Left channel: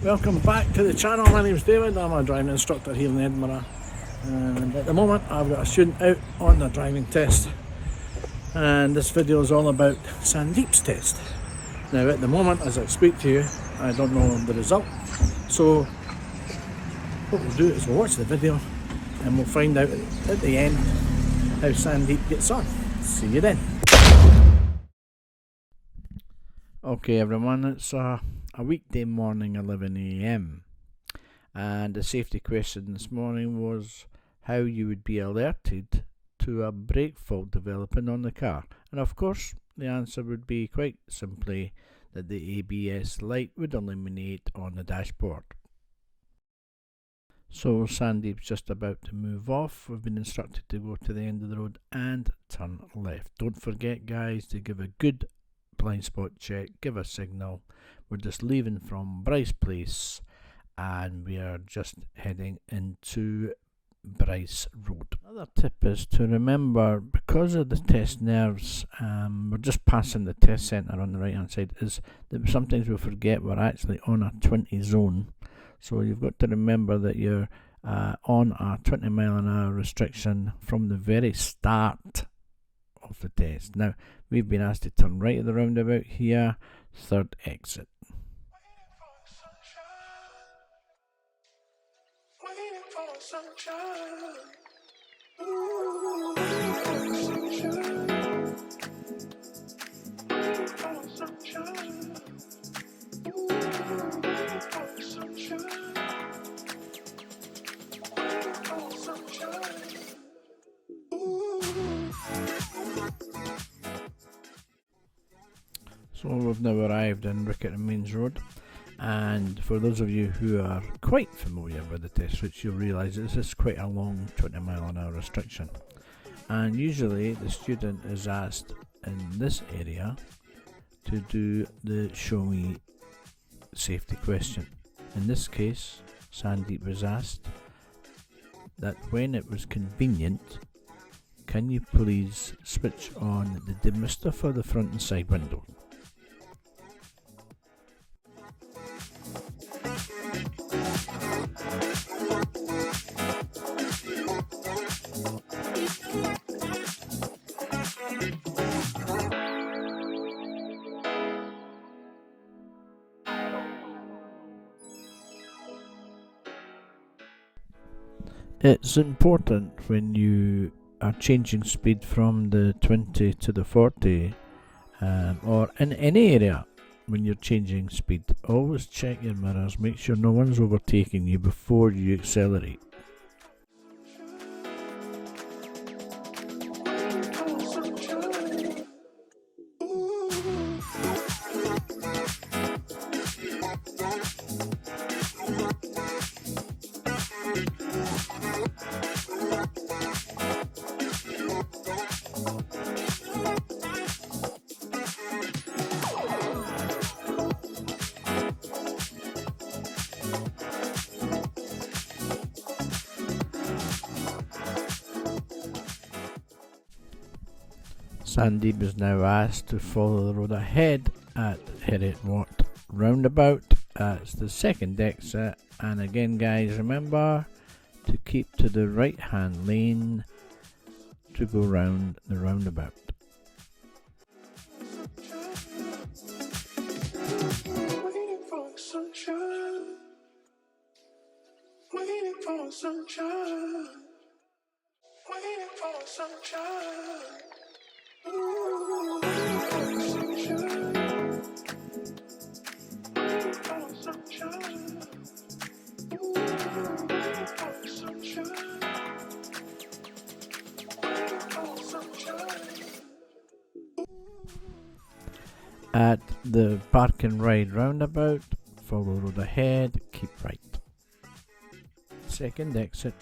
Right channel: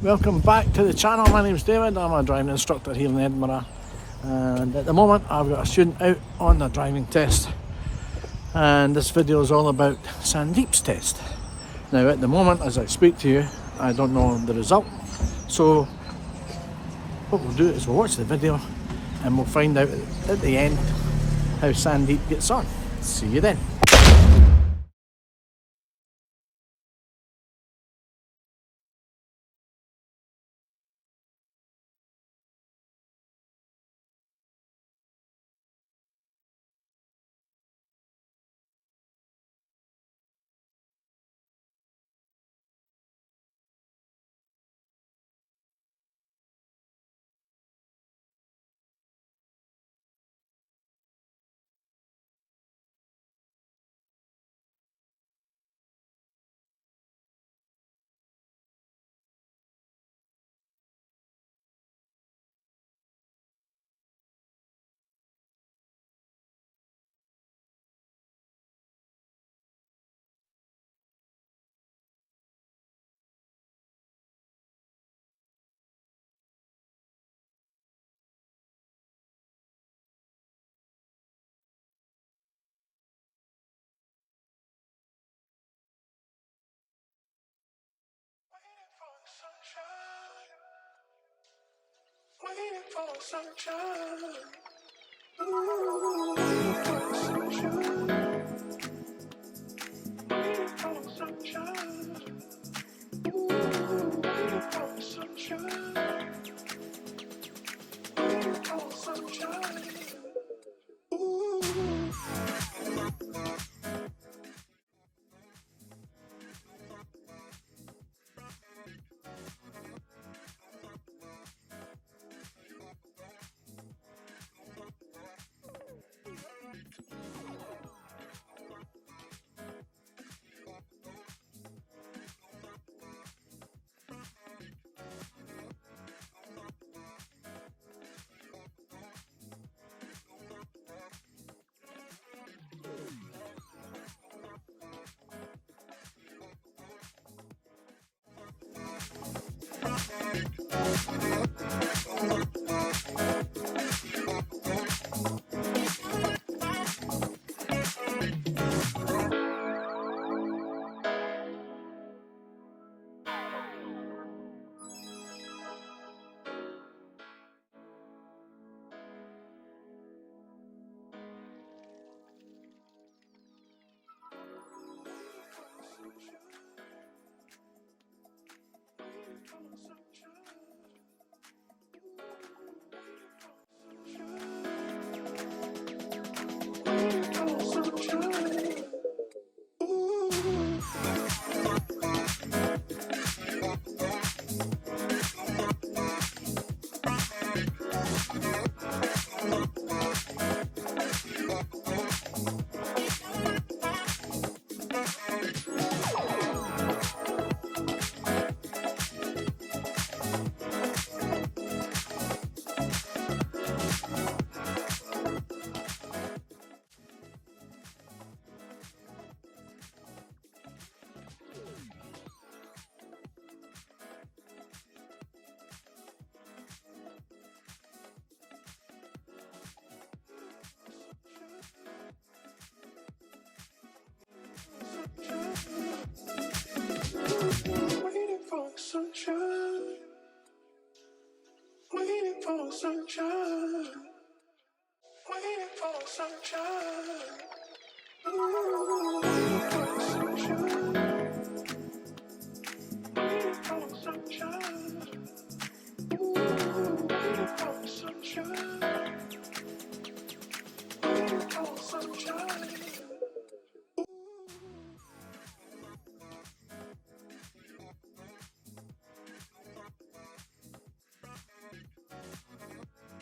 Welcome back to the channel. My name's David. I'm a driving instructor here in Edinburgh, and at the moment I've got a student out on the driving test, and this video is all about Sandeep's test. Now at the moment, as I speak to you, I don't know the result, so what we'll do is we'll watch the video and we'll find out at the end how Sandeep gets on. See you then. Okay everyone, it's a weekday morning, 11 AM, and the safety question this morning was how you would be alerted to a brake fault developing on the car. And of course the answer would be quite simply that the ABS light would illuminate on the dashboard. So Sandeep's just about to move off. We've been instructed to go to the end of the road and turn left. Don't forget guys to give a good blind spot check, give a signal. We're just leaving from Bryce Place and we are just heading into Bryce Road. Another tip is to remember, because of the test nerves, we're just passing the test centre on the right hand side, is that sometimes we forget we're actually on a 20 zone. So you've got to remember that you're on a 20-mile-an-hour restriction from the very start of the test. Now we've been asked to turn right at the roundabout here, third exit. Waiting for sunshine. Ooh, waiting for sunshine. Waiting for sunshine. Ooh, waiting for sunshine. Waiting for sunshine. Ooh. So we've now arrived in Riccarton Mains Road. And for those of you who are quite familiar with the test routes, you'll realise this is quite a long 20-mile-an-hour restriction. And usually the student is asked in this area to do the show me safety question. In this case, Sandeep was asked that when it was convenient, can you please switch on the demister for the front and side window? It's important when you are changing speed from the 20 to the 40 or in any area. When you're changing speed, always check your mirrors, make sure no one's overtaking you before you accelerate. Sandeep is now asked to follow the road ahead at Edinburgh Roundabout. It's the second exit, and again guys, remember to keep to the right hand lane to go round the roundabout. Waiting for sunshine. Waiting for sunshine. Waiting for sunshine. Ooh, waiting for sunshine. Waiting for sunshine. Ooh, waiting for sunshine. Waiting for sunshine. At the Park and Ride roundabout, follow the road ahead, keep right. Second exit.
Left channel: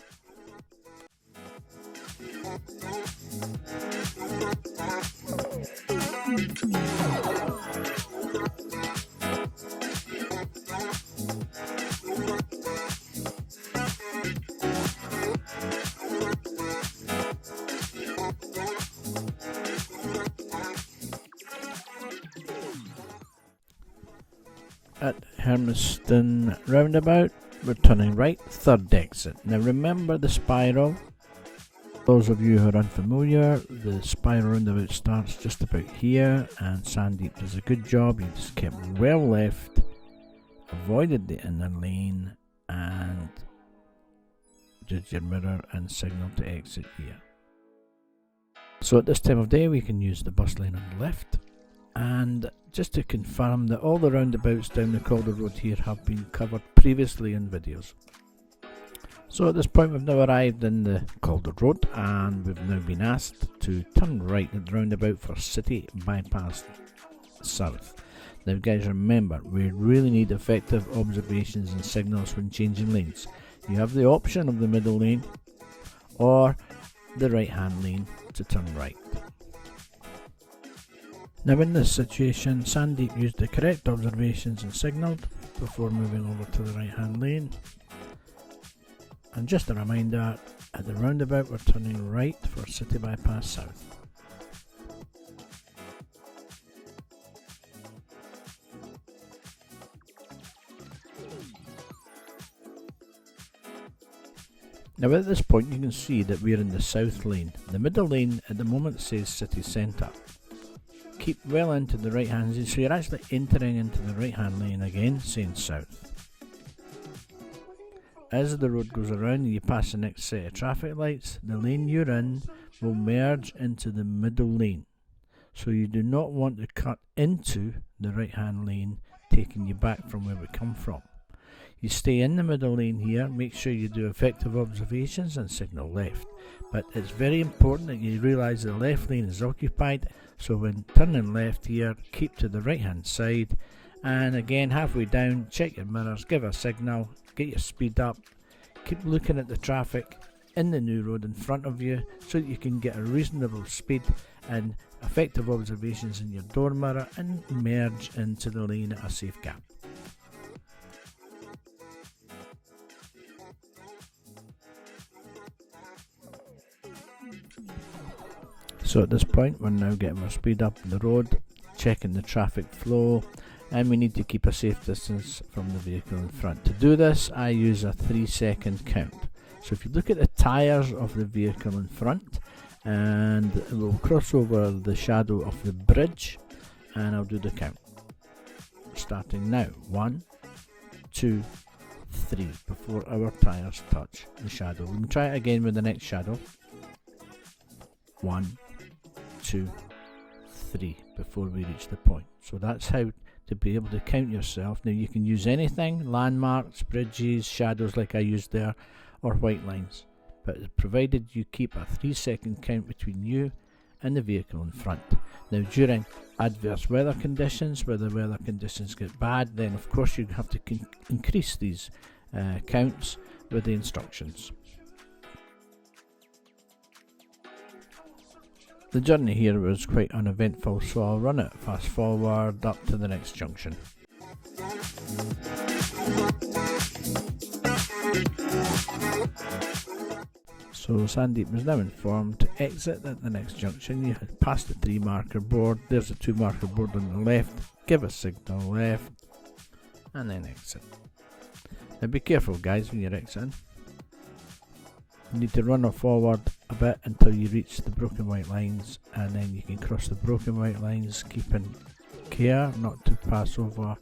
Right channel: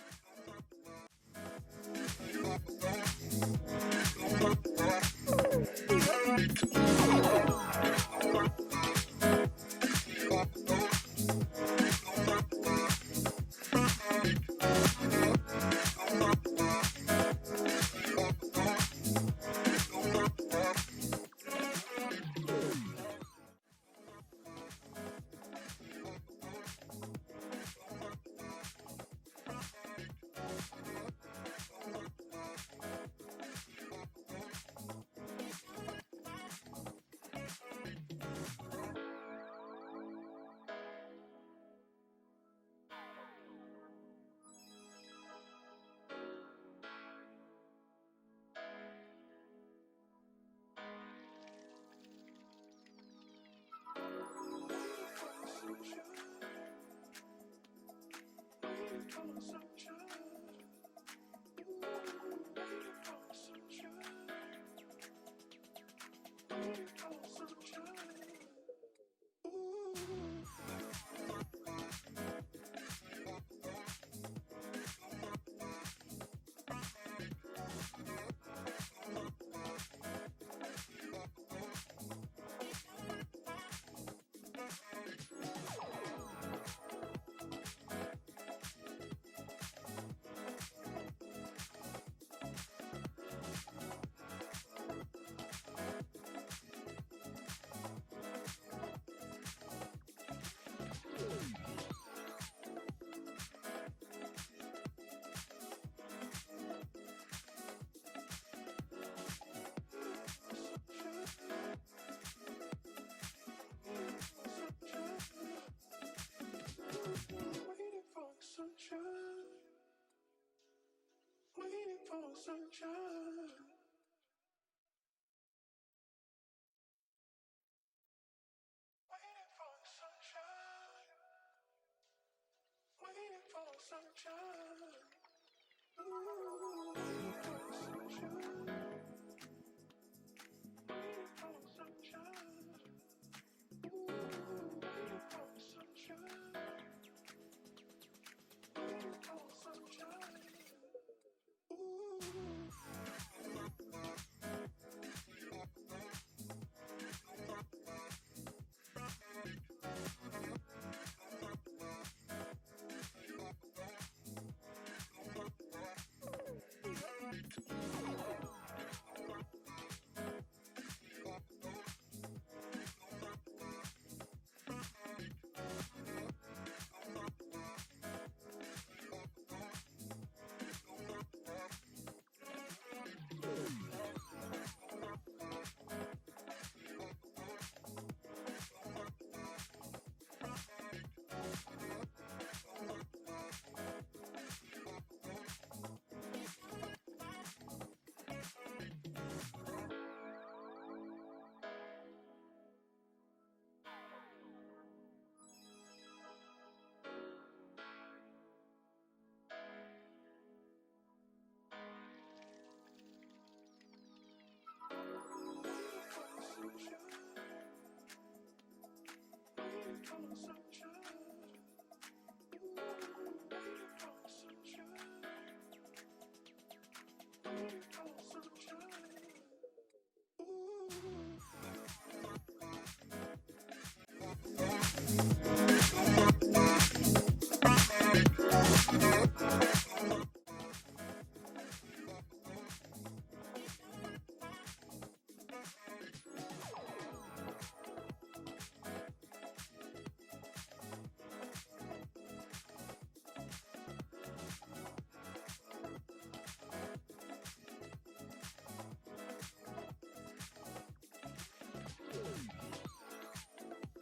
At Hermiston roundabout, we're turning right, third exit. Now remember the spiral. Those of you who are unfamiliar, the spiral roundabout starts just about here, and Sandeep does a good job. He just kept well left, avoided the inner lane, and did your mirror and signal to exit here. So at this time of day we can use the bus lane on the left, and just to confirm that all the roundabouts down the Calder Road here have been covered previously in videos. So at this point we've now arrived in the Calder Road, and we've now been asked to turn right at the roundabout for City Bypass South. Now guys, remember, we really need effective observations and signals when changing lanes. You have the option of the middle lane or the right hand lane to turn right. Now in this situation, Sandeep used the correct observations and signalled before moving over to the right hand lane. And just a reminder, at the roundabout we're turning right for City Bypass South. Now at this point you can see that we're in the south lane. The middle lane at the moment says city centre. Keep well into the right hand lane, so you're actually entering into the right hand lane again, saying south. As the road goes around and you pass the next set of traffic lights, the lane you're in will merge into the middle lane. So you do not want to cut into the right hand lane, taking you back from where we come from. You stay in the middle lane here, make sure you do effective observations and signal left. But it's very important that you realise the left lane is occupied, so when turning left here, keep to the right hand side, and again halfway down, check your mirrors, give a signal, get your speed up, keep looking at the traffic in the new road in front of you so that you can get a reasonable speed and effective observations in your door mirror and merge into the lane at a safe gap. So at this point we're now getting our speed up on the road, checking the traffic flow, and we need to keep a safe distance from the vehicle in front. To do this I use a 3-second count. So if you look at the tyres of the vehicle in front, and we'll cross over the shadow of the bridge, and I'll do the count. Starting now. 1, 2, 3 before our tyres touch the shadow. We can try it again with the next shadow. 1, 2, 3 before we reach the point. So that's how to be able to count yourself. Now you can use anything, landmarks, bridges, shadows like I used there, or white lines, but provided you keep a 3-second count between you and the vehicle in front. Now during adverse weather conditions, where the weather conditions get bad, then of course you have to increase these counts with the instructions. The journey here was quite uneventful, so I'll run it fast forward up to the next junction. So Sandeep was now informed to exit at the next junction. You had passed the 3 marker board, there's a 2 marker board on the left, give a signal left, and then exit. Now be careful guys when you're exiting. You need to run or forward a bit until you reach the broken white lines, and then you can cross the broken white lines, keeping care not to pass over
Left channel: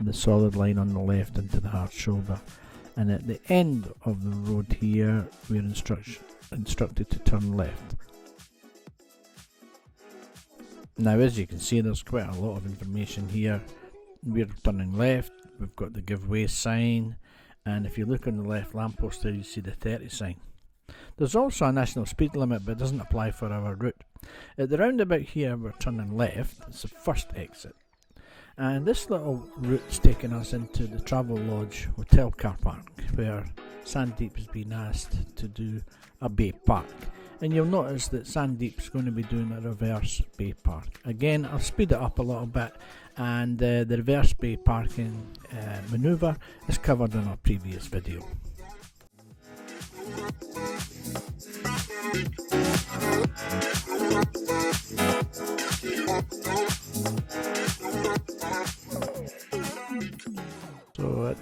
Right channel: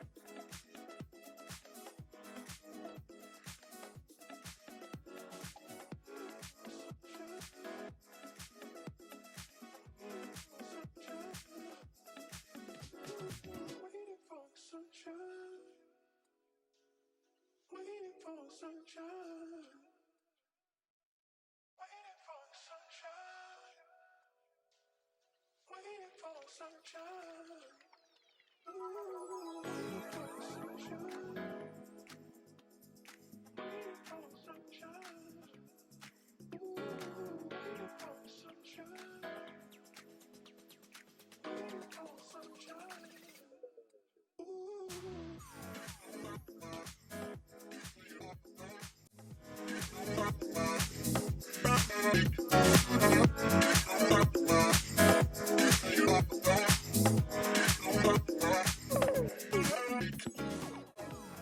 the solid line on the left into the hard shoulder. And at the end of the road here we're instructed to turn left. Now as you can see there's quite a lot of information here. We're turning left, we've got the give way sign, and if you look on the left lamppost there you see the 30 sign. There's also a national speed limit, but it doesn't apply for our route. At the roundabout here we're turning left, it's the first exit. And this little route's taking us into the Travel Lodge Hotel car park, where Sandeep has been asked to do a bay park. And you'll notice that Sandeep's going to be doing a reverse bay park. Again, I'll speed it up a little bit, and the reverse bay parking manoeuvre is covered in our previous video.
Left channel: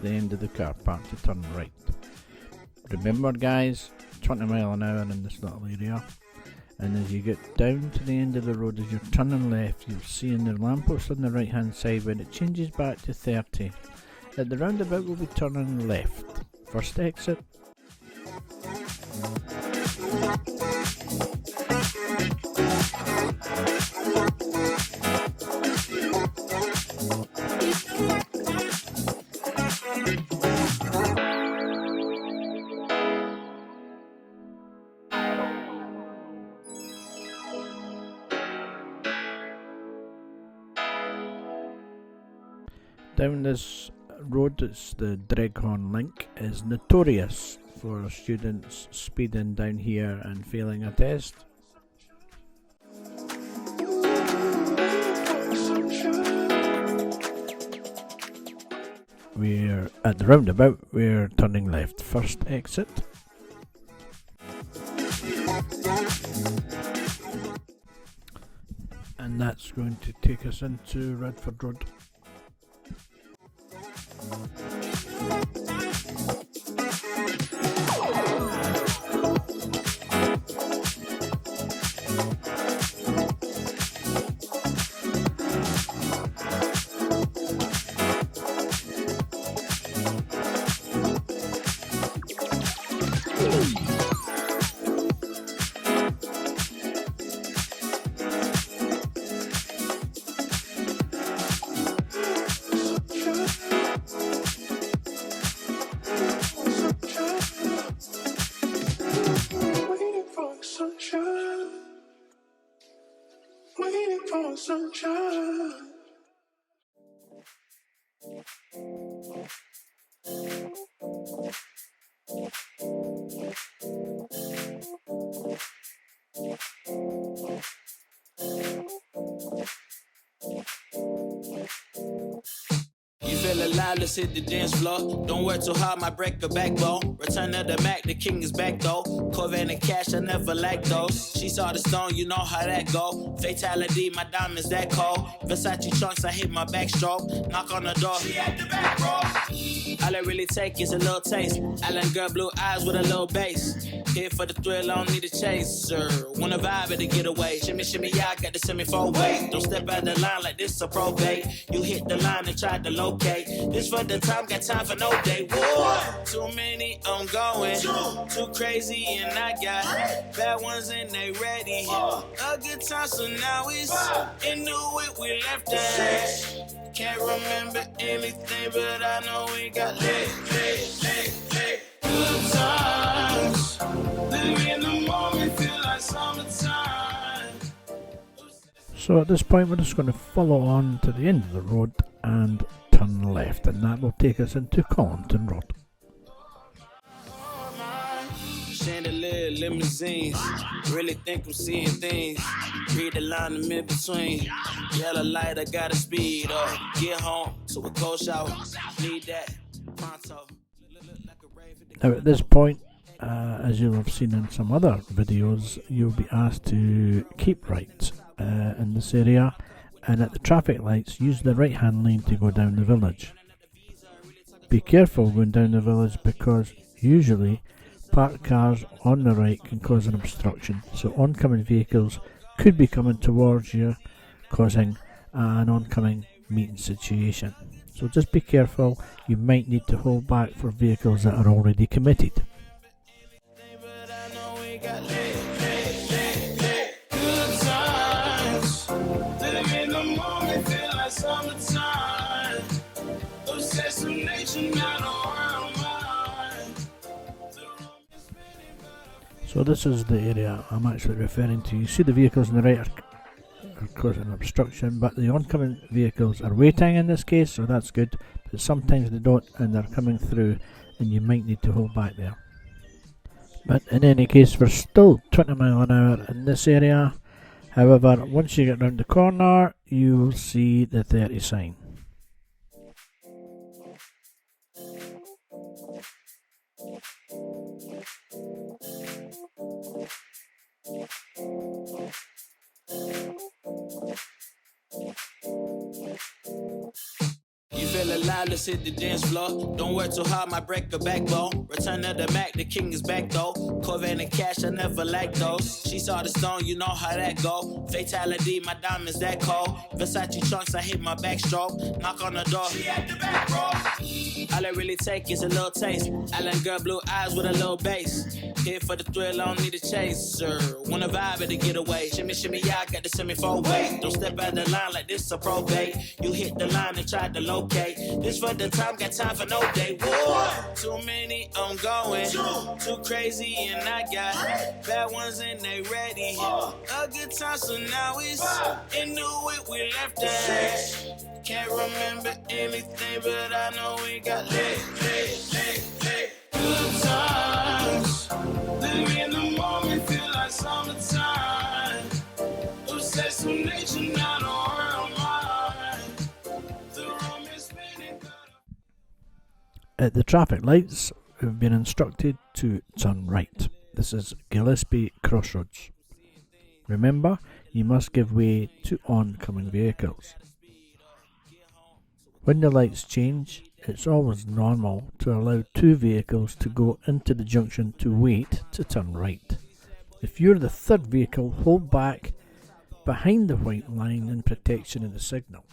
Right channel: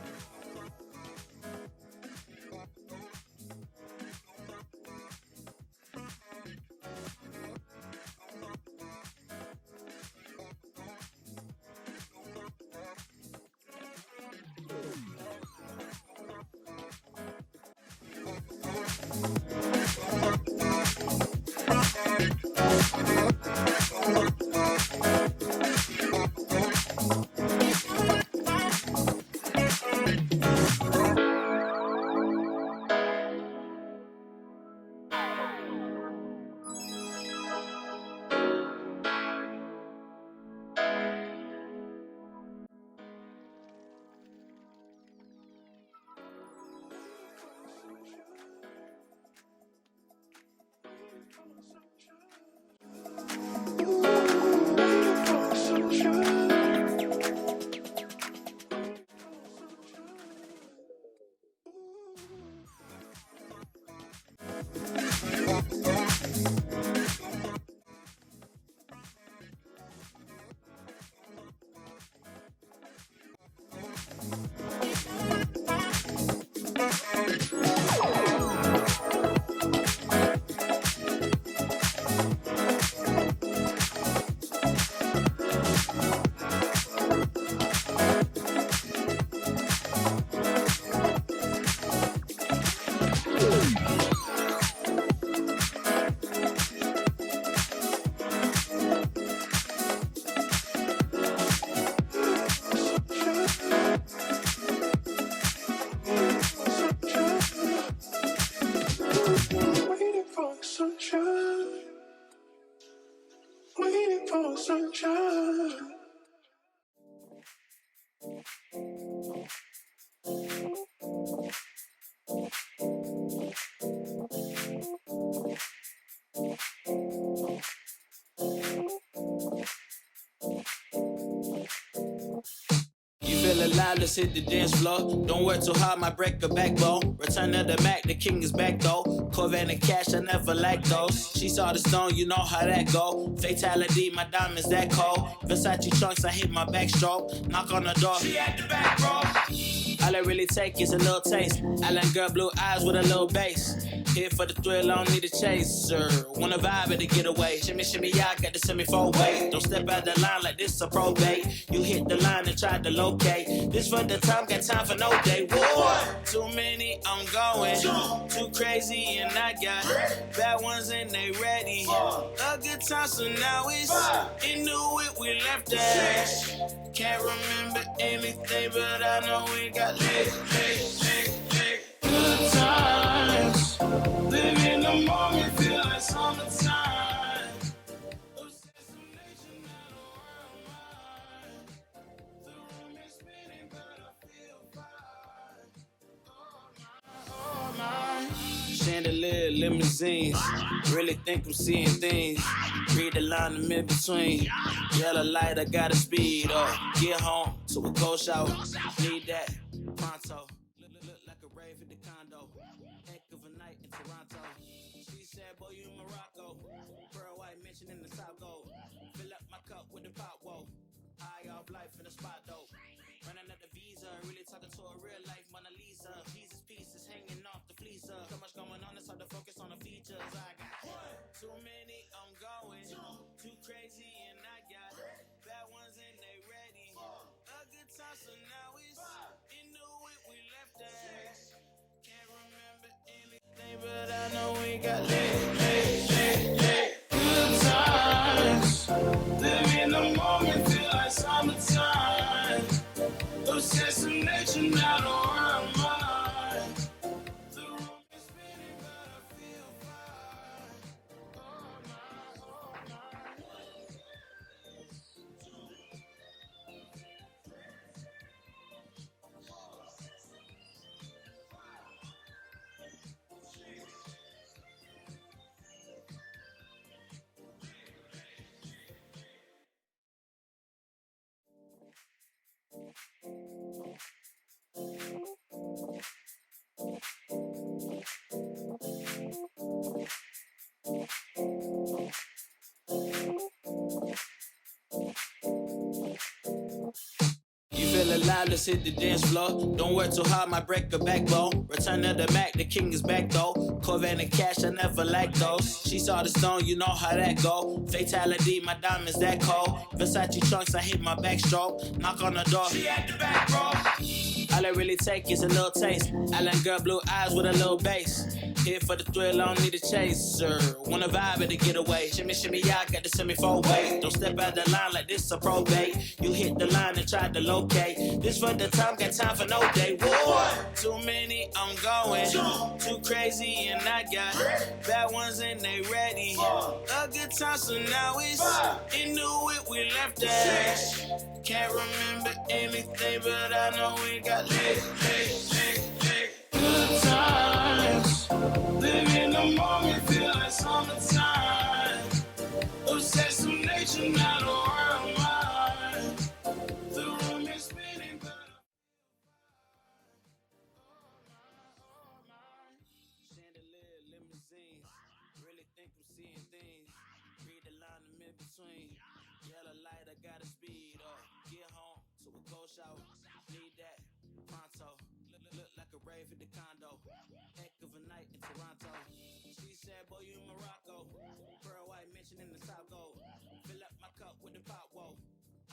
the end of the car park to turn right. Remember guys, 20 mile an hour in this little area, and as you get down to the end of the road, as you're turning left, you'll see in the lamppost on the right hand side when it changes back to 30. At the roundabout we'll be turning left. First exit. Down this road, it's the Dreghorn Link, is notorious for students speeding down here and failing a test. We're at the roundabout, we're turning left. First exit. And that's going to take us into Redford Road. You feel alive, let's hit the dance floor. Don't work too hard, might break a backbone. Return to the Mac, the king is back though. Corvette and cash, I never lack those. She saw the stone, you know how that go. Fatality, my diamonds that cold. Versace trunks, I hit my backstroke. Knock on the door, she at the back, bro. All I really take is a little taste. Island girl, blue eyes with a little bass. Here for the thrill, I don't need a chaser. Wanna vibe at the getaway. Shimmy, shimmy, yeah, I got the semi-4 weight. Don't step out the line like this a probate. You hit the line and try to locate. This for the time, got time for no day. One, too many, I'm going. Too crazy and I got bad ones and they ready. A good time, so now it's into it, we left that. Can't remember anything, but I know we got lit. Good times. Live in the moment, feel like summertime. So at this point we're just going to follow on to the end of the road and turn left, and that will take us into Colinton Road. Chandelier, limousines, really think I'm seeing things. Read the line in mid-between. Yellow light, I gotta speed up. Get home to a cold shower. Need that pronto. Now at this point, as you'll have seen in some other videos, you'll be asked to keep right in this area, and at the traffic lights use the right hand lane to go down the village. Be careful going down the village because usually parked cars on the right can cause an obstruction, so oncoming vehicles could be coming towards you, causing an oncoming meeting situation. So just be careful, you might need to hold back for vehicles that are already committed. Good times, live in the moment, feel like summertime. Obsessed with nature, not around mine. So this is the area I'm actually referring to. You see the vehicles on the right are causing an obstruction, but the oncoming vehicles are waiting in this case, so that's good. But sometimes they don't and they're coming through, and you might need to hold back there. But in any case, we're still 20 mile an hour in this area. However, once you get round the corner, you will see the 30 sign. You feel alive, let's hit the dance floor. Don't work too hard, might break a backbone. Return of the Mac, the king is back though. Corvette and cash, I never lack those. She saw the stone, you know how that go. Fatality, my diamonds that cold. Versace trunks, I hit my backstroke. Knock on the door, she at the back, bro. All I really take is a little taste. Island girl, blue eyes with a little bass. Here for the thrill, I don't need a chaser. Wanna vibe at the getaway. Shimmy, shimmy, yeah, I got the semi-four way. Don't step out the line like this a probate. You hit the line and try to locate. This for the time, got time for no day. One, too many, I'm going. Too crazy, and I got bad ones and they ready. A good time, so now it's into it, we left that. Can't remember anything, but I know we got lit. Good times. Live in the moment, feel like summertime. Obsessed with nature, not a world mind. The room is spinning. At the traffic lights, we've been instructed to turn right. This is Gillespie Crossroads. Remember, you must give way to oncoming vehicles. When the lights change, it's always normal to allow two vehicles to go into the junction to wait to turn right. If you're the third vehicle, hold back behind the white line in protection of the signal.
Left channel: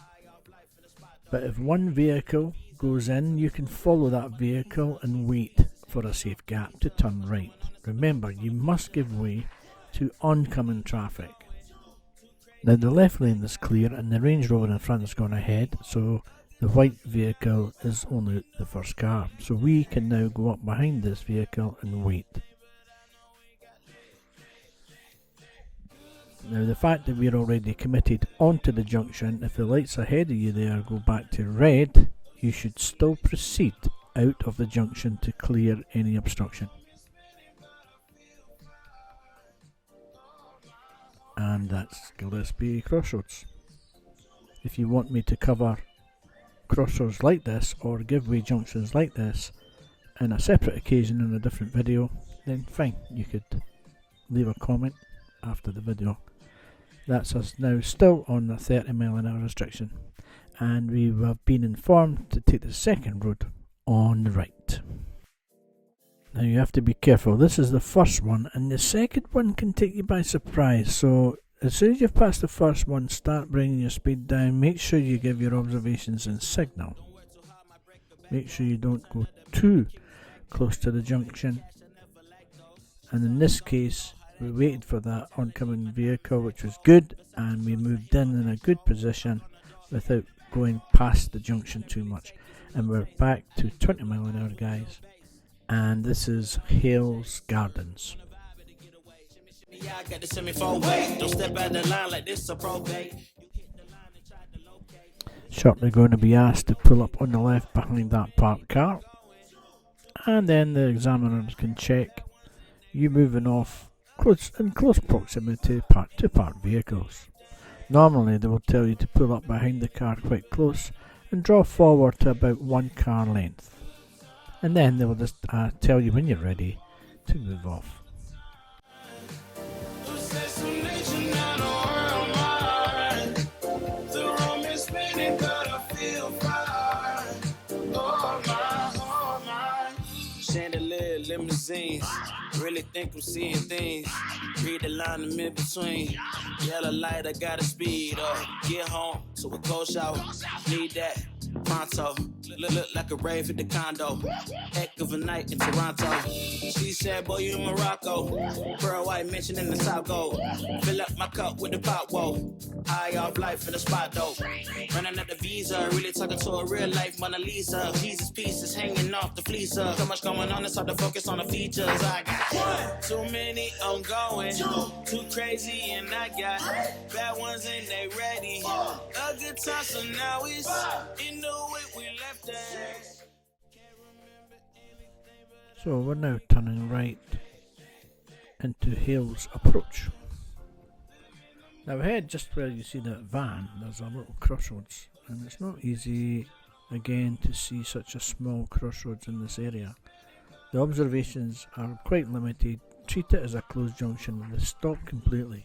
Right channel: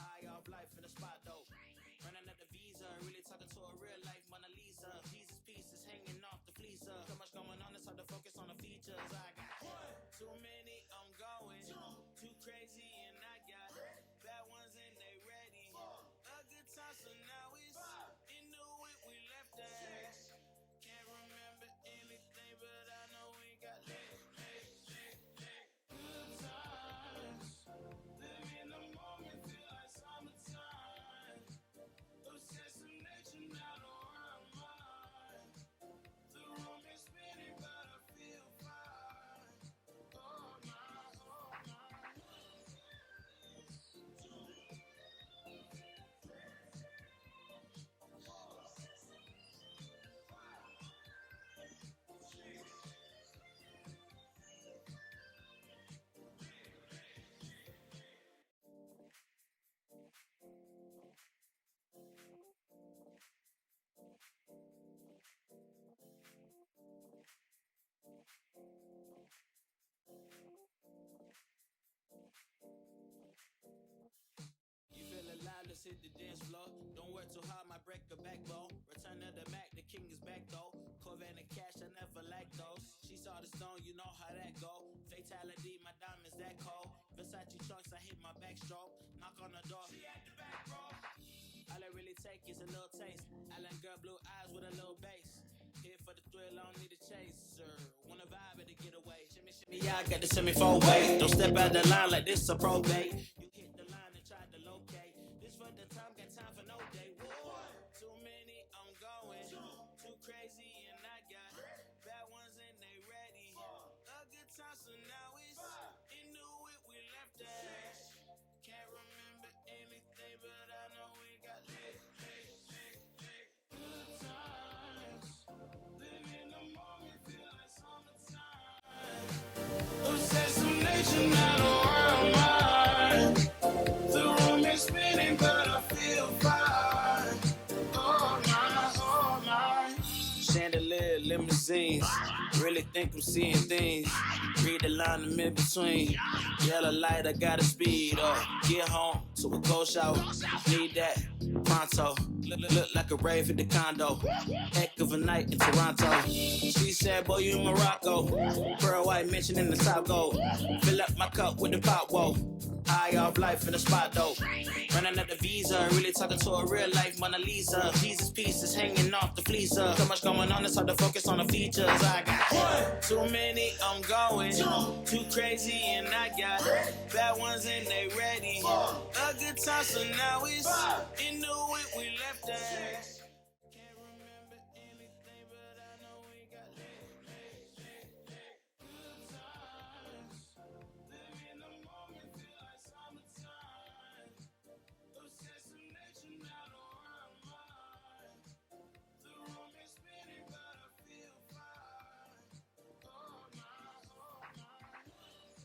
But if one vehicle goes in, you can follow that vehicle and wait for a safe gap to turn right. Remember, you must give way to oncoming traffic. Now the left lane is clear and the Range Rover in front has gone ahead, so the white vehicle is only the first car. So we can now go up behind this vehicle and wait. Now the fact that we're already committed onto the junction, if the lights ahead of you there go back to red, you should still proceed out of the junction to clear any obstruction. And that's Gillespie Crossroads. If you want me to cover crossroads like this or give way junctions like this in a separate occasion in a different video, then fine, you could leave a comment after the video. That's us now still on the 30 mph restriction, and we have been informed to take the second road on the right. Now you have to be careful, this is the first one and the second one can take you by surprise, so as soon as you've passed the first one, start bringing your speed down. Make sure you give your observations and signal. Make sure you don't go too close to the junction. And in this case, we waited for that oncoming vehicle, which was good, and we moved in a good position without going past the junction too much. And we're back to 20 mph, guys. And this is Hales Gardens. Yeah, I got the semi-four way. Don't step out the line like this a probate. Shortly going to be asked to pull up on the left behind that parked car, and then the examiners can check you moving off in close proximity to parked vehicles. Normally they will tell you to pull up behind the car quite close and draw forward to about 1 car length, and then they will just tell you when you're ready to move off. Chandelier limousines, really think I'm seeing things. Read the line in mid-between. Yellow light, I gotta speed up. Get home to a cold shower. Need that pronto. Look like a rave at the condo. Heck of a night in Toronto. She said, boy, you in Morocco. Pearl white mention in the South Gold. Fill up my cup with the pop, whoa. Eye off life in the spot, though. Running up the visa, really talking to a real life Mona Lisa. Jesus pieces hanging off the fleecer. So much going on, it's hard to focus on the features. I got one, too many, I'm going. Too crazy, and I got bad ones and they ready. A good time, so now it's into it, we left that. So we're now turning right into Hales Approach. Now ahead, just where you see that van, there's a little crossroads, and it's not easy again to see such a small crossroads in this area. The observations are quite limited. Treat it as a closed junction and stop completely,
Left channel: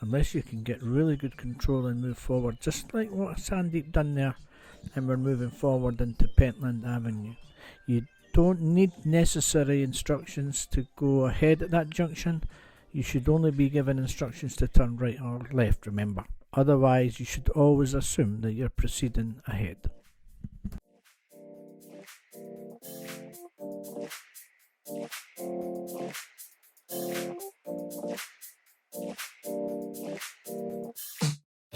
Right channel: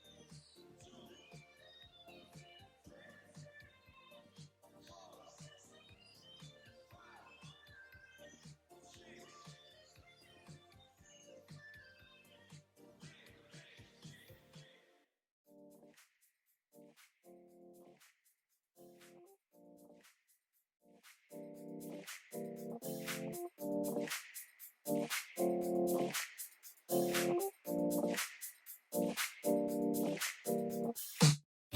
unless you can get really good control and move forward, just like what Sandeep done there. and we're moving forward into Pentland Avenue. You don't need necessary instructions to go ahead at that junction. You should only be given instructions to turn right or left, remember. Otherwise, you should always assume that you're proceeding ahead.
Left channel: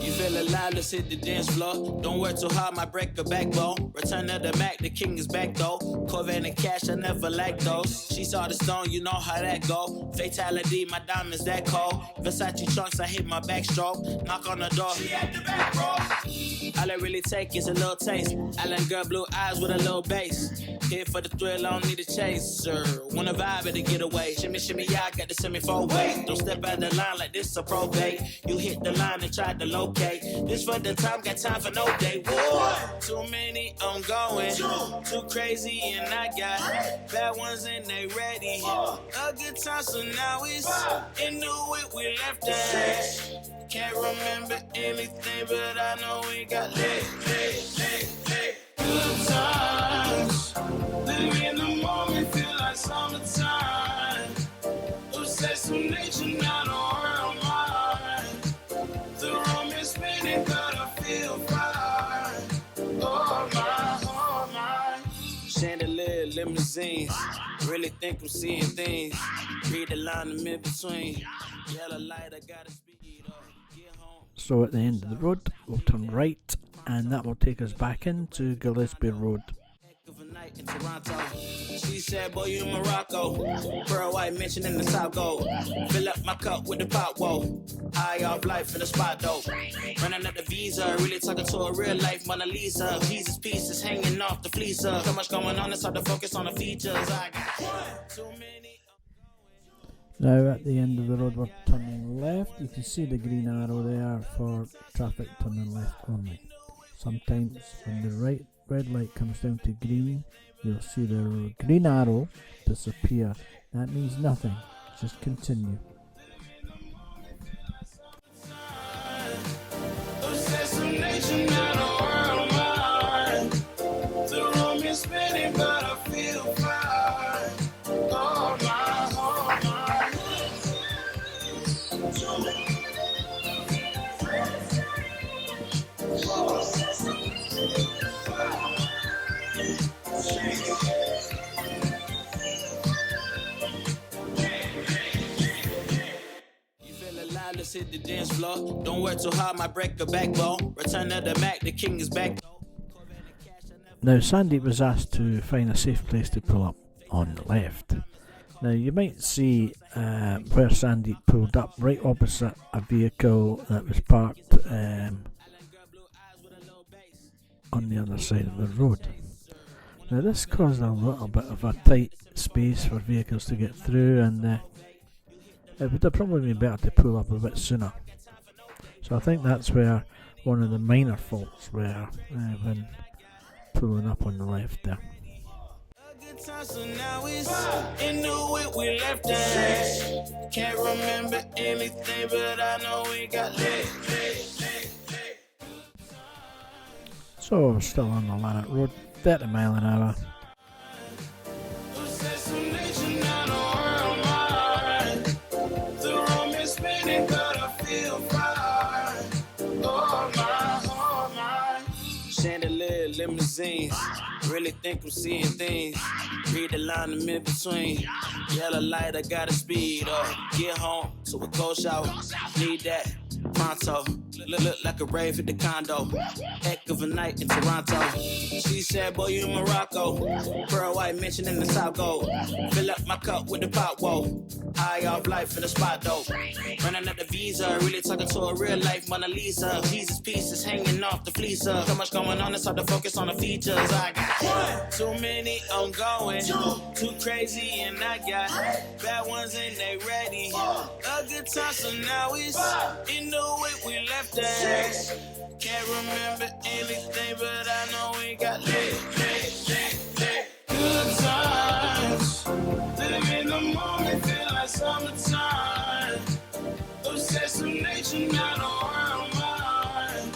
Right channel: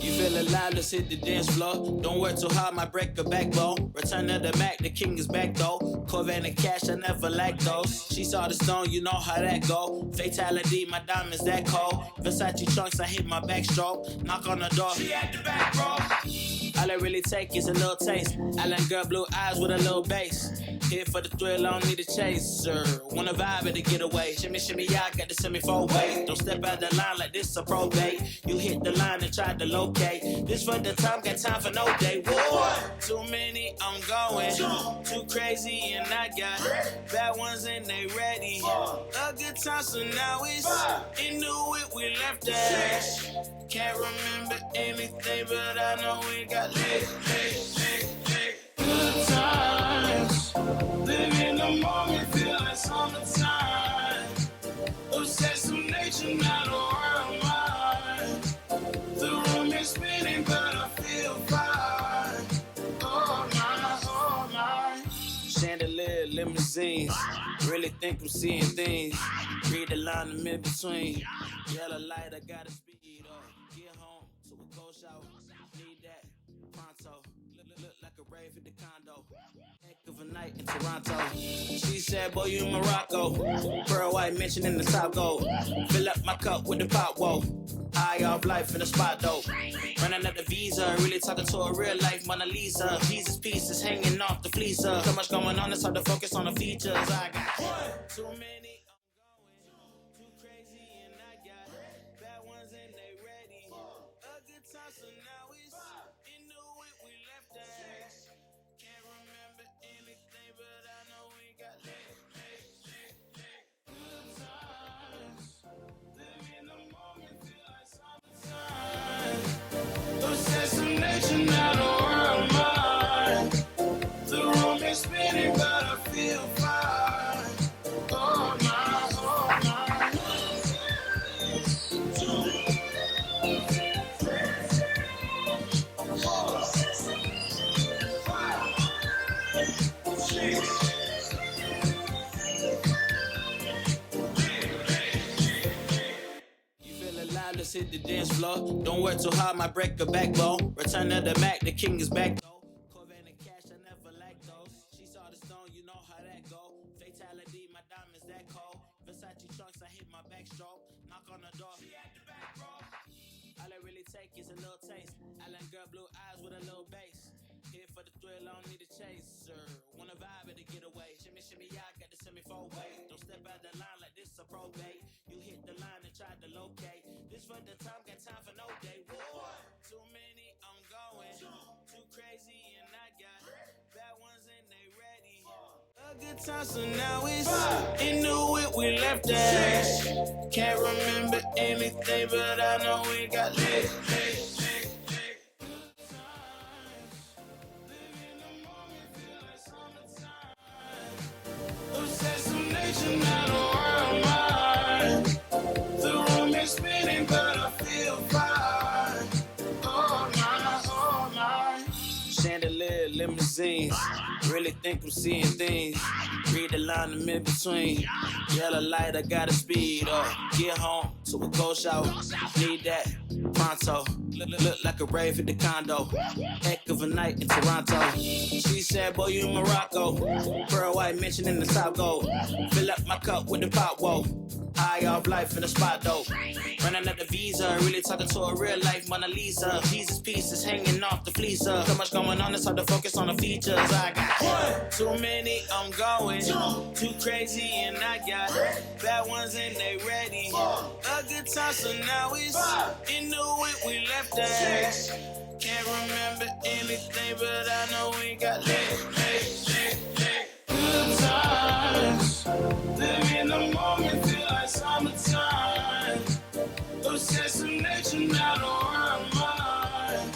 You feel alive, let's hit the dance floor. Don't work too hard, might break a backbone. Return of the Mac, the king is back though. Corvette and cash, I never like those. She saw the stone, you know how that go. Fatality, my diamonds that cold. Versace trunks, I hit my backstroke. Knock on the door, she at the back, bro. All I really take is a little taste. Island girl, blue eyes with a little bass. Here for the thrill, I don't need a chaser. Wanna vibe at the getaway. Shimmy, shimmy, yeah, I got the semi-4-way. Don't step out the line like this a probate. You hit the line and try to locate. This for the time, got time for no day. One, too many, I'm going. Too crazy and I got bad ones and they ready. A good time, so now it's into it, we left at. Can't remember anything, but I know we got lit. Good times. Live in the moment, feel like summertime. Obsessed with nature, not a world mind. The room is spinning, but I feel fine. Oh my. Chandelier, limousines. Really think I'm seeing things. Read the line in mid-between. Yellow light, I gotta speed up. Get home. So at the end of the road, we'll turn right, and that will take us back into Gillespie Road. Of a night in Toronto. She said, boy, you in Morocco. Pearl white mention in the South Gold. Fill up my cup with the pop, whoa. Eye off life in the spot, though. Running up the visa, really talking to a real life Mona Lisa. Jesus pieces hanging off the fleecer. So much going on, it's hard to focus on the features. I got too many. Now at the end of the road, we're turning left. You can see the green arrow there for traffic turning left only. Sometimes when the red light comes down to green, you'll see the green arrow disappear. That means nothing. Just continue. Assassination, not a world mind. The room is spinning, but I feel fine. Oh my. Let's hit the dance floor. Don't work too hard, might break a backbone. Return of the Mac, the king is back. Now Sandeep was asked to find a safe place to pull up on the left. Now you might see where Sandeep pulled up right opposite a vehicle that was parked on the other side of the road. Now this caused a little bit of a tight space for vehicles to get through, and it would have probably been better to pull up a bit sooner. So I think that's where one of the minor faults were when pulling up on the left there. Good time, so now it's into it, we left at. Can't remember anything, but I know we got lit. So we're still on the Lanark Road, 30 mile an hour. Assassination, not a world mind. The room is spinning, but I feel fine. Oh my. Chandelier, limousines. Really think I'm seeing things. Read the line in mid-between. Yellow light, I gotta speed up. Get home to a cold shower. Need that pronto. Look like a rave at the condo. Heck of a night in Toronto. She said, boy, you in Morocco. Pearl white mention in the South Gold. Fill up my cup with the pop, whoa. Eye off life in the spot, though. Running up the visa, really talking to a real life Mona Lisa. Jesus pieces hanging off the fleecer. So much going on, it's hard to focus on the features. I got too many, I'm going. Too crazy and I got bad ones and they ready. A good time, so now it's into it, we left at. Can't remember anything, but I know we got lit. Good times. Live in the moment, feel like summertime. Obsessed with nature, not a world mind.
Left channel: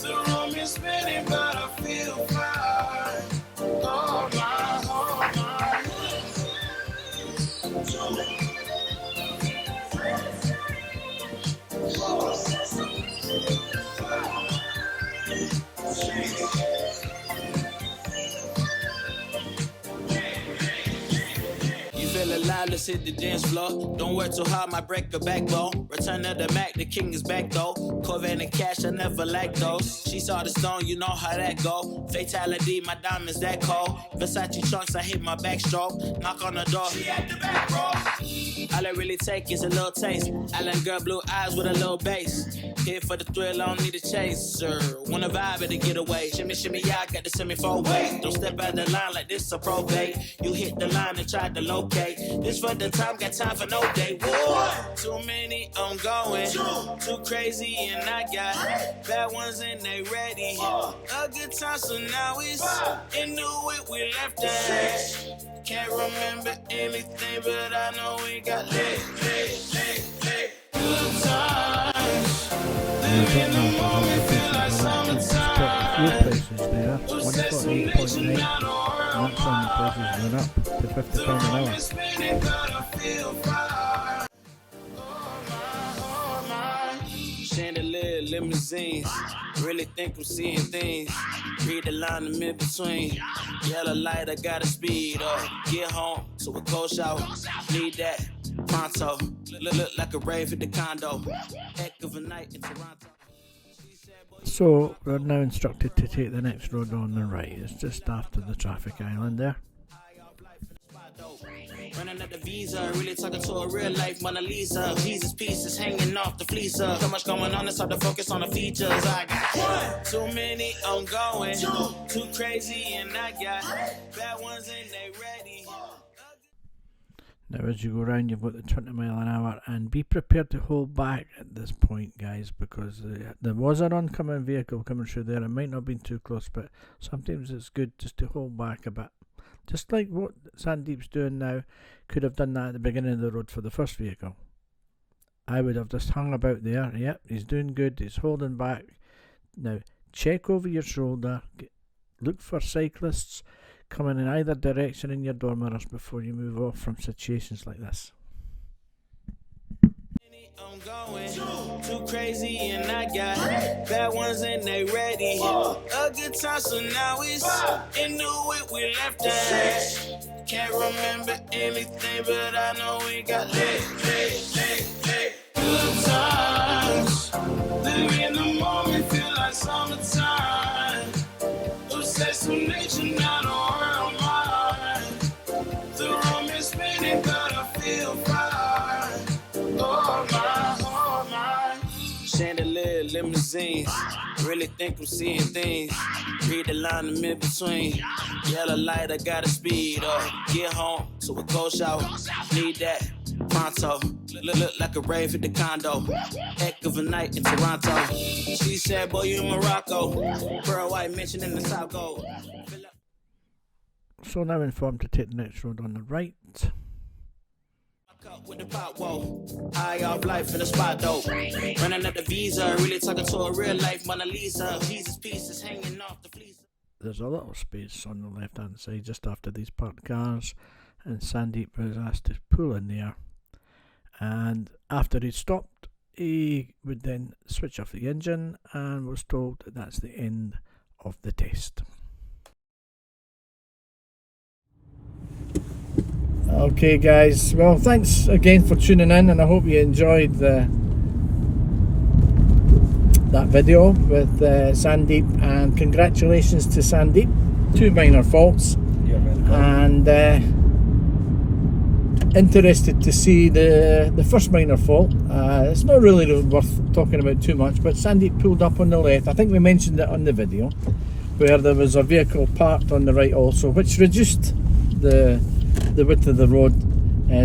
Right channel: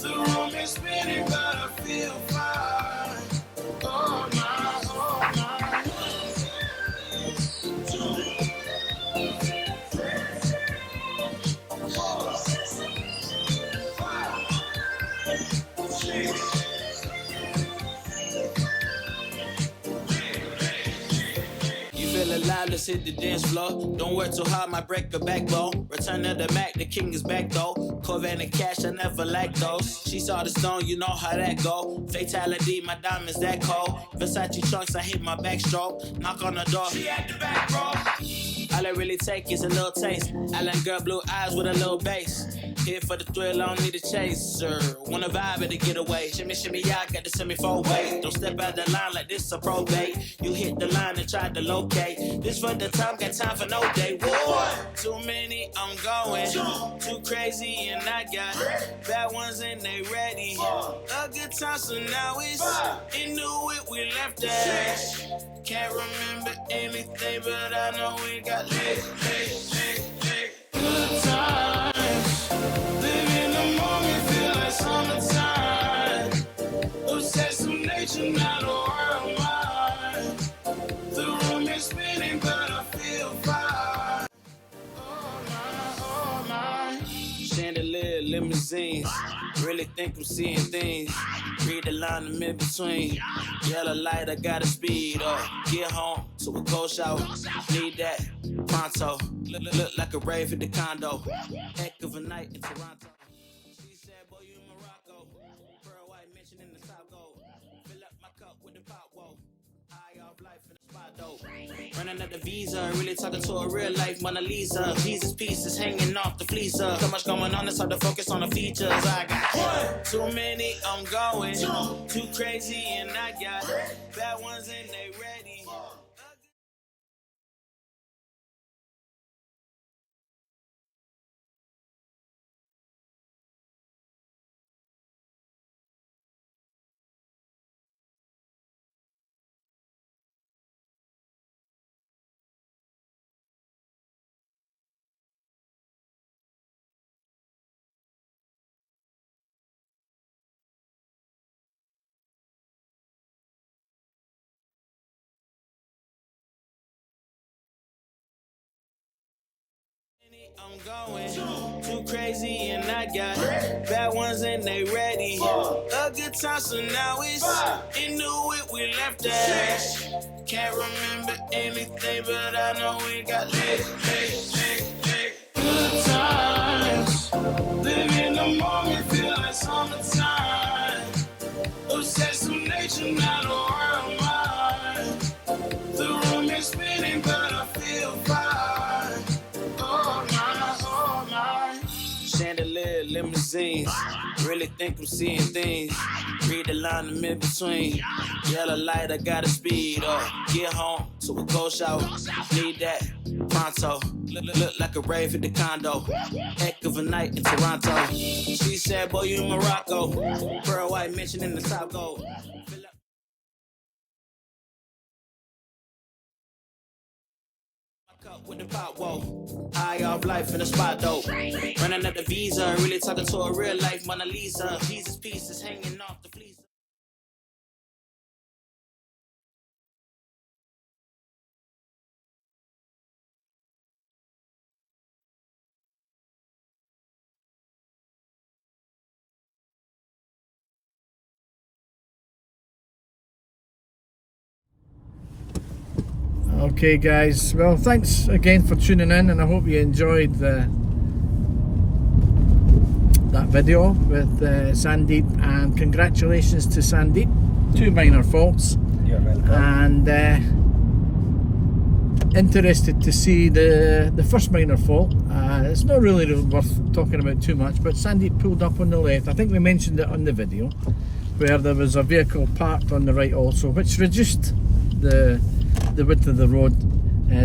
The room is spinning, but I feel feel alive, let's hit the dance floor. Don't work too hard, might break a backbone. Return of the Mac, the king is back though. Corvette and cash, I never like those. She saw the stone, you know how that go. Fatality, my diamonds that cold. Versace trunks, I hit my backstroke. Knock on the door, she at the back, bro. All I really take is a little taste. Island girl, blue eyes with a little bass. Here for the thrill, I don't need a chaser. Wanna vibe at a getaway. Shimmy, shimmy, yeah, I got the semi-fold way. Don't step out the line like this a probate. You hit the line and try to locate. This for the time, got time for no day. Whoa. Too many, I'm going. Too crazy, and I got bad ones and they ready. A good time, so now it's into it, we left that. Can't remember anything, but I know we got lit. Good times. Live in the moment, feel like summertime. Obsessed with nature, not a world mine. The room is spinning, but I feel fine. Oh my. Chandelier, limousines. Really think I'm seeing things. Read the line in mid-between. Yellow light, I gotta speed up. Get home to a cold shower. Need that pronto. Look like a rave at the condo. Heck of a night in Toronto. So we're now instructed to take the next road on the right. It's just after the traffic island there. Running at the visa, really talking to a real life Mona Lisa. Jesus pieces hanging off the fleecer. So much going on, it's hard to focus on the features. I got too many, I'm going. Too crazy, and I got bad ones and they ready. Now as you go round, you've got the 20 mile an hour, and be prepared to hold back at this point, guys, because there was an oncoming vehicle coming through there. It might not have been too close, but sometimes it's good just to hold back a bit. Just like what Sandeep's doing now, could have done that at the beginning of the road for the first vehicle. I would have just hung about there. Yep, he's doing good, he's holding back. Now, check over your shoulder, look for cyclists coming in either direction in your door mirrors before you move off from situations like this. I'm going too crazy, and I got bad ones and they ready. A good time, so now it's into it, we left that. Can't remember anything, but I know we got lit. Good times. Live in the moment, feel like summertime. Obsessed with nature, not a world mine. The room is spinning, but I feel fine. Oh my. Chandelier, limousines. Really think I'm seeing things. Read the line in mid-between. Yellow light, I gotta speed up. Get home to a cold shower. Need that pronto. Look like a rave at the condo. Heck of a night in Toronto. She said, boy, you in Morocco. Pearl white mentioned in the top gold. So now informed to take the next road on the right. With the pop, whoa. High off life in the spot, though. Running at the visa, really talking to a real life Mona Lisa. Jesus pieces hanging off the fleece. There's a little space on the left hand side just after these parked cars, and Sandeep was asked to pull in there. And after he stopped, he would then switch off the engine and was told that that's the end of the test. Okay guys, well thanks again for tuning in, and I hope you enjoyed that video with Sandeep, and congratulations to Sandeep. 2 minor faults, and interested to see the first minor fault. It's not really worth talking about too much, but Sandeep pulled up on the left. I think we mentioned it on the video, where there was a vehicle parked on the right also, which reduced the width of the road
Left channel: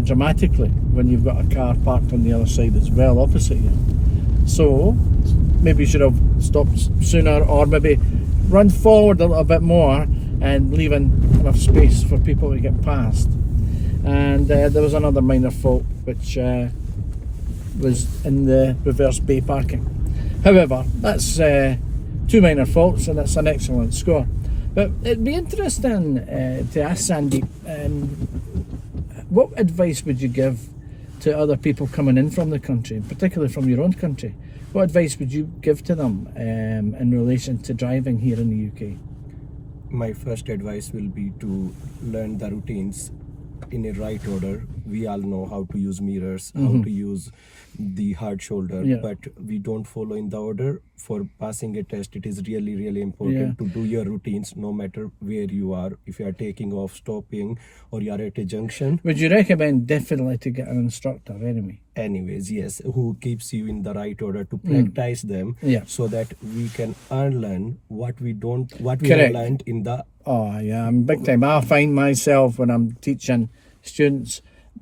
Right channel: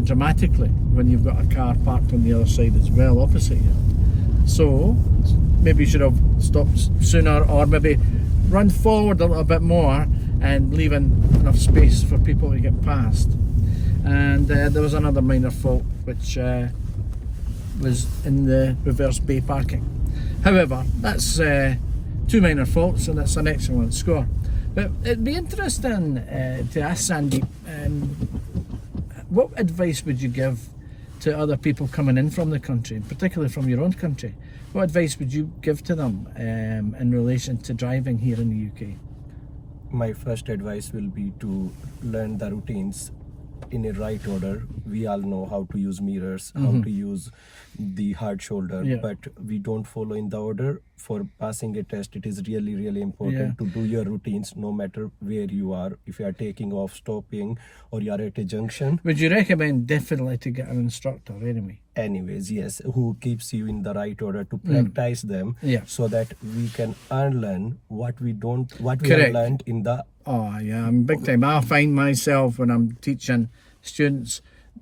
dramatically when you've got a car parked on the other side as well opposite you. So maybe you should have stopped sooner, or maybe run forward a little bit more and leaving enough space for people to get past. And there was another minor fault which was in the reverse bay parking. However, that's 2 minor faults, and that's an excellent score. But it'd be interesting to ask Sandeep, what advice would you give to other people coming in from the country, particularly from your own country? What advice would you give to them in relation to driving here in the UK? My first advice will be to learn the routines in a right order. We all know how to use mirrors, how to use the hard shoulder, but we don't follow in the order. For passing a test, it is really important to do your routines no matter where you are. If you are taking off, stopping, or you are at a junction. Would you recommend definitely to get an instructor anyway? Anyways, yes, who keeps you in the right order to practice them, so that we can unlearn what we learned in the. Oh yeah, I'm big time. I find myself when I'm teaching students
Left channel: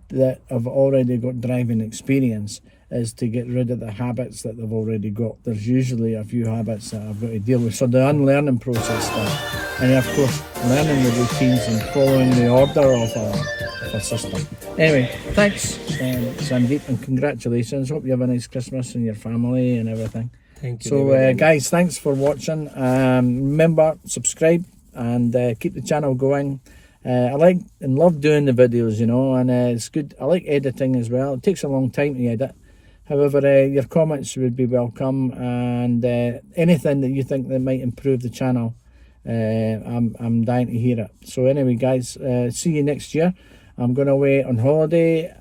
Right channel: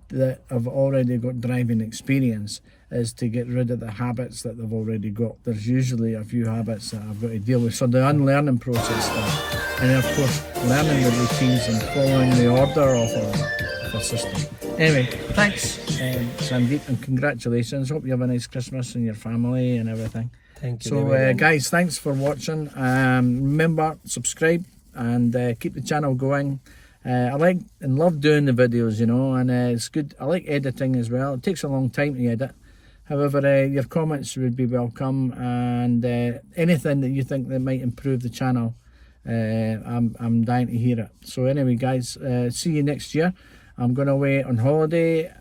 that have already got driving experience is to get rid of the habits that they've already got. There's usually a few habits that I've got to deal with. So the unlearning process stuff. And then of course learning the routines and following the order of a system. Anyway, thanks Sandeep, and congratulations. Hope you have a nice Christmas and your family and everything. Thank you. So guys, thanks for watching. Remember, subscribe and keep the channel going. I like and love doing the videos, you know, and it's good. I like editing as well. It takes a long time to edit. However, your comments would be welcome, and anything that you think that might improve the channel, I'm dying to hear it. So anyway, guys, see you next year. I'm going away on holiday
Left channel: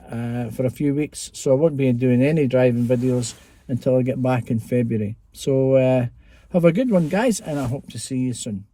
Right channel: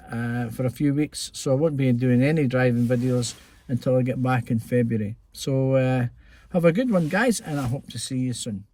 for a few weeks, so I won't be doing any driving videos until I get back in February. So have a good one, guys, and I hope to see you soon.